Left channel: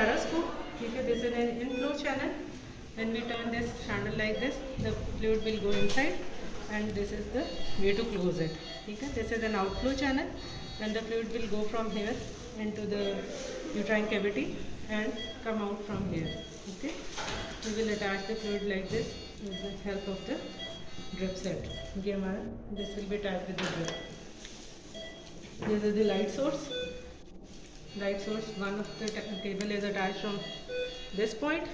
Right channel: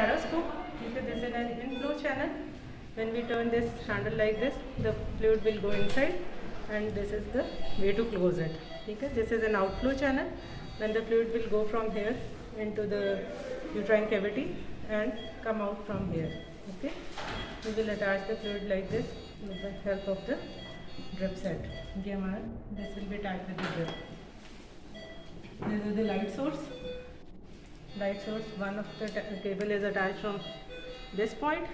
hysteroscope. Because this is an inflow channel. When we turn this handle like this, the fluid will go inside, and this is the way to close it. Okay? This is an outflow channel, and the fluid will go from here into the uterine cavity and come out from here. Okay? We will attach the fluid like this with the help of the drip set. This will be tied with the drip. This is the light source. One of the cable is attached from this point,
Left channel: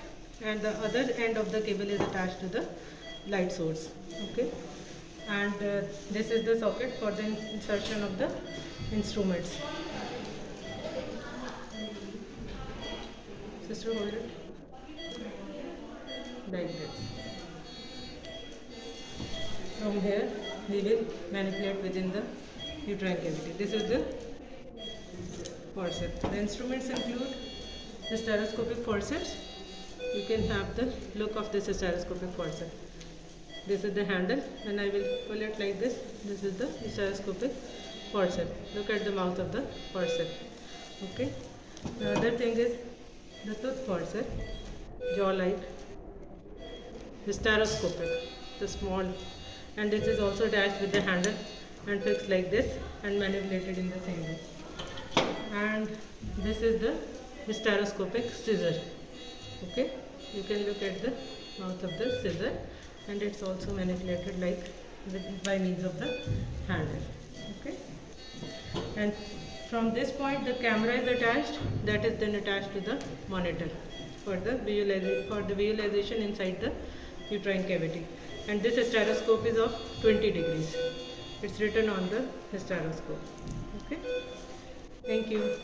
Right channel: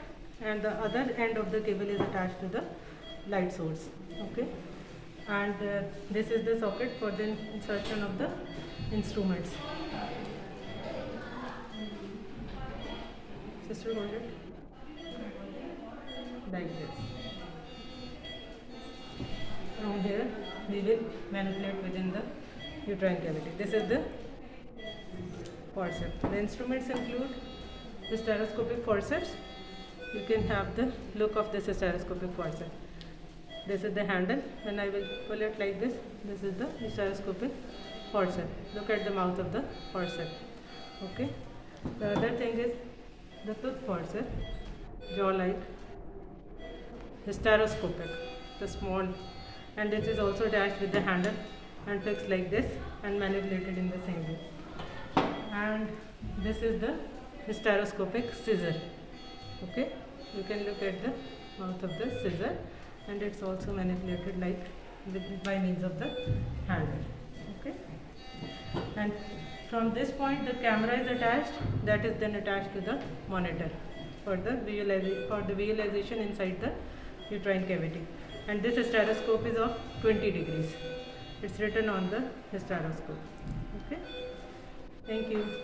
and the other end of the cable is attached to the light source. Okay, and this is the socket for the insertion of the instruments. Sister, hold it like this. From here we will manipulate within the uterine cavity. This is the forceps. The instruments include hysteroscopic forceps. You can have the look of this hysteroscopic forceps. This is the handle, and I will pull it like this. This is the hysteroscopic forceps. Look at the mouth of the forceps. Okay. The other thing is the tooth forceps, jaw-like, hysteroscopic, the small, and this is also attached with the handle and fixed like this and manipulated in the same way. And this is the hysteroscopic scissor. Okay, you can look at the mouth of the scissor, and it's also manipulated like by means of the handle. Okay, and from this point the camera is attached, that is then attached to the monitor for the visualization inside the uterine cavity. And this hysteroscope is of 20 degrees. It's written on the hysteroscope. Okay, thank you.